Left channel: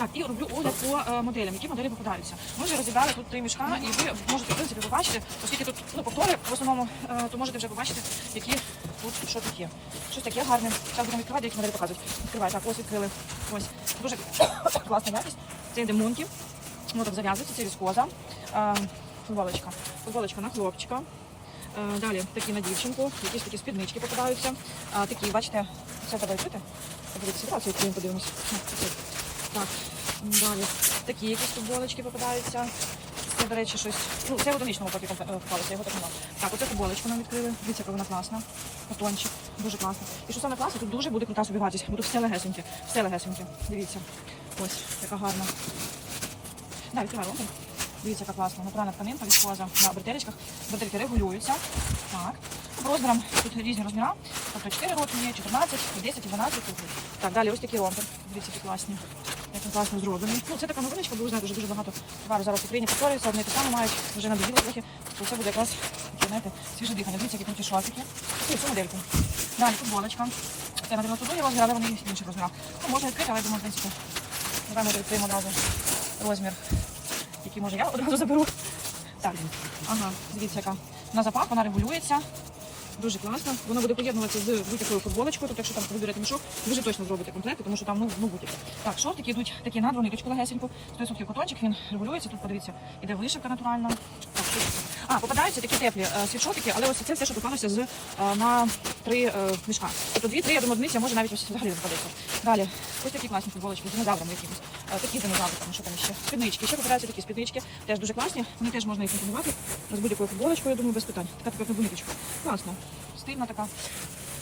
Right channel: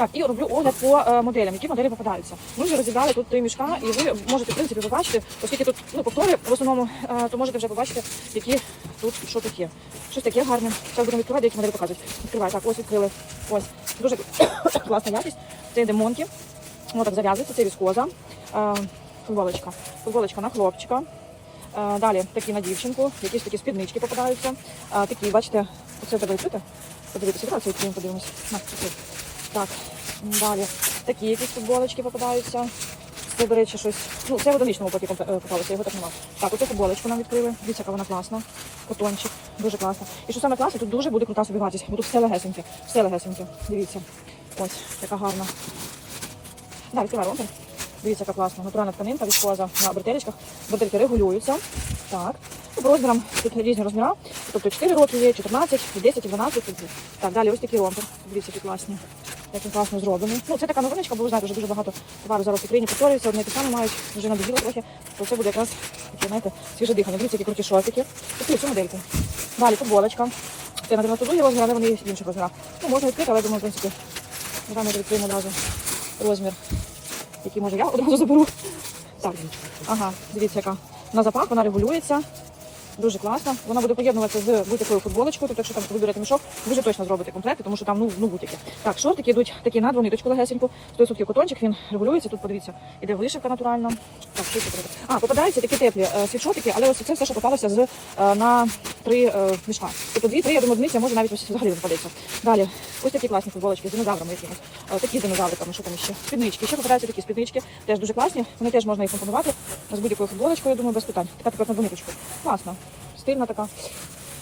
Так, і роблю огляд по е, моделям, які моделі попадаються. Ми вже розібрали тут три мішка, і ви можете в принципі побачити, оскільки тут ну, повтори в основному, е, то можете вже побачити, які тут що є. Щось таке гарне. Зараз будемо відкривати, які моделі показують. Відкриваю. Так, ось відкрили. Ось дуже класна якість. Це йде монки. Воно так зав'язується, це віскоза. Е, Футболочка. Футболочка на хлопчика. Далі такі на дівчинку, якісь такі спіднички попадаються. Такі, бачите, це буде чути. Подивіться, подивимося. Так, далі. Такі якісь футболочки попадаються. Це, до речі, щось. Ну, це в одиничному поки купилося, його так немає. Так, оцю футболочку нам відкрили. Дивіться, яка вона класна. Котончик. Дуже класно. І що саме класно, тут дуже буде крута собі вартість. Тут все легесеньке. Все легесеньке. Дивіться. Ось, така гарна. Далі, відкриваю ромбу. Дивіться, яка класна. Натуральна тканинка, віскоза на бретелечках. Бретельки регулюються. Так. Розмірам тут різні розміри. Тобто 4 роки є, 14, 10, 12. тут. Так, далі ось такі ромби. Дивіться, які класні. Як він класно зроблений. Ну, це така новиночка, бо ви знаєте, вже дуже багато товарів зараз в Україні повторюється, одне те саме мають, вже надоїло трохи, то це буде якраз таке, знаєте, свіже дихання. Дивіться, які круті шортики. Такі цю модельку. Далі футболочка. Це на 92 розмір, але вони в інших розмірах. Ну, можна відкрити, але думаю, в принципі, давай ми відкриємо одразу розмір, який може я одразу заберу. Так, ага, дивіться, яка. На запах вона регулюється. Дуже класна. Вона буде поєднуватися з будь-якою футболочкою. Тобто, якщо там ви берете мішок, ви точно зробите комплекти, тому що там ну, ну будь-які. Так, шортики йдуть такі на двониточку легесеньку. 100% котончик, він регулюється. Тут подивіться, іде вишивка натуральна. Так, тут попадаються такі теплі е, світшотики, але ось це все, що попалося з е, на три е, мішка. Тобто дві-три, я думаю, одиниці, може навіть ось взагалі попадеться. Далі, ось такі класні футболочки з динозаврами якимось. Такі з динозавриками, що там ще. Спіднички. Ще попадаються такі спіднички, теж дуже класні. Вони теж можна їх компонувати з будь-якою футболочкою, я думаю, без питань. Така тепер на двониточку. Класно. Стильна така.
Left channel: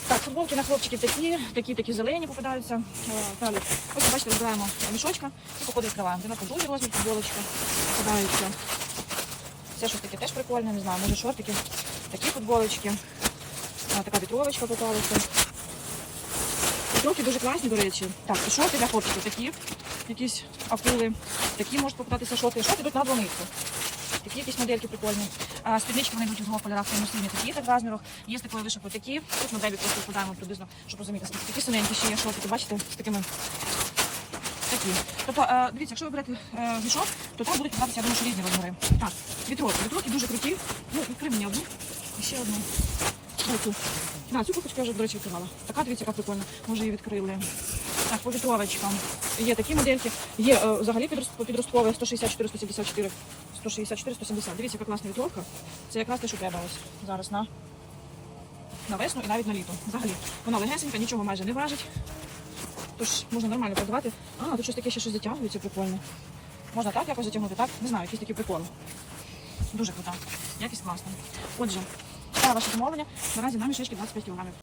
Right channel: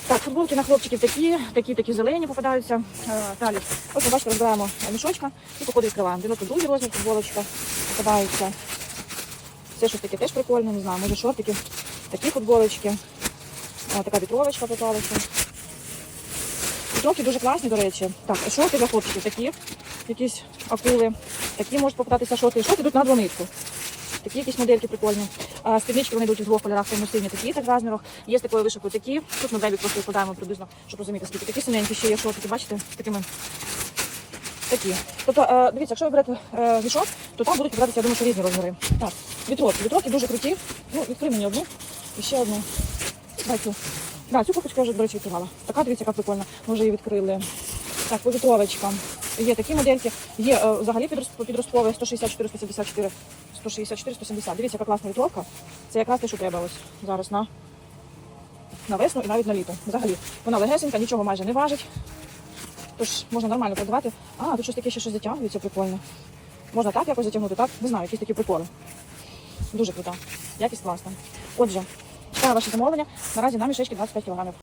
Так, футболки на хлопчиків такі, такі, такі зелені попадаються. Далі. Ось, ви бачите, розбираємо мішочка і походу відкриваємо. 92 розмір футболочка попадаються. Це щось таке теж прикольне, не знаю, може шортики, такі футболочки. Така вітровочка попалася. Вітровки дуже класні, до речі. Так, шорти для хлопчиків такі, якісь акули. Такі можуть попадатися шорти. І шорти йдуть на двониці. Такі якісь модельки прикольні. Спіднички вони йдуть у двох кольорах, тому сині такі так розмірах. Є з такою вишивкою такі. Тут моделі просто складаємо приблизно, щоб розуміти, скільки такі синенькі ще є шортики, бачите, з такими. Такі. Тобто, е, дивіться, якщо ви берете е, мішок, то там будуть підбиратися, я думаю, різні розміри. Так, вітровки. Вітровки дуже круті. Ну, відкрий мені одну. І ще одну. Дай цю. Да, цю покупку я вже, до речі, відкривала. Така, дивіться, яка прикольна. Ми вже її відкрили. Так, по вітровочкам. Є такі модельки. Є е, взагалі підрост- підросткове 164, 174, 164, 170. Дивіться, яка класна вітровка. Це якраз те, що треба ось зараз на, на весну і навіть на літо. Взагалі. Вона легесенька, нічого майже не важить. Тож можна нормально продавати. А, тут щось таке ще щось затягується прикольно. Можна так якось затягнути, так? Не знаю, якісь такі приколи. Дуже круто. Якість класна. Отже, це ваше замовлення. Наразі на мішечки 25 кг.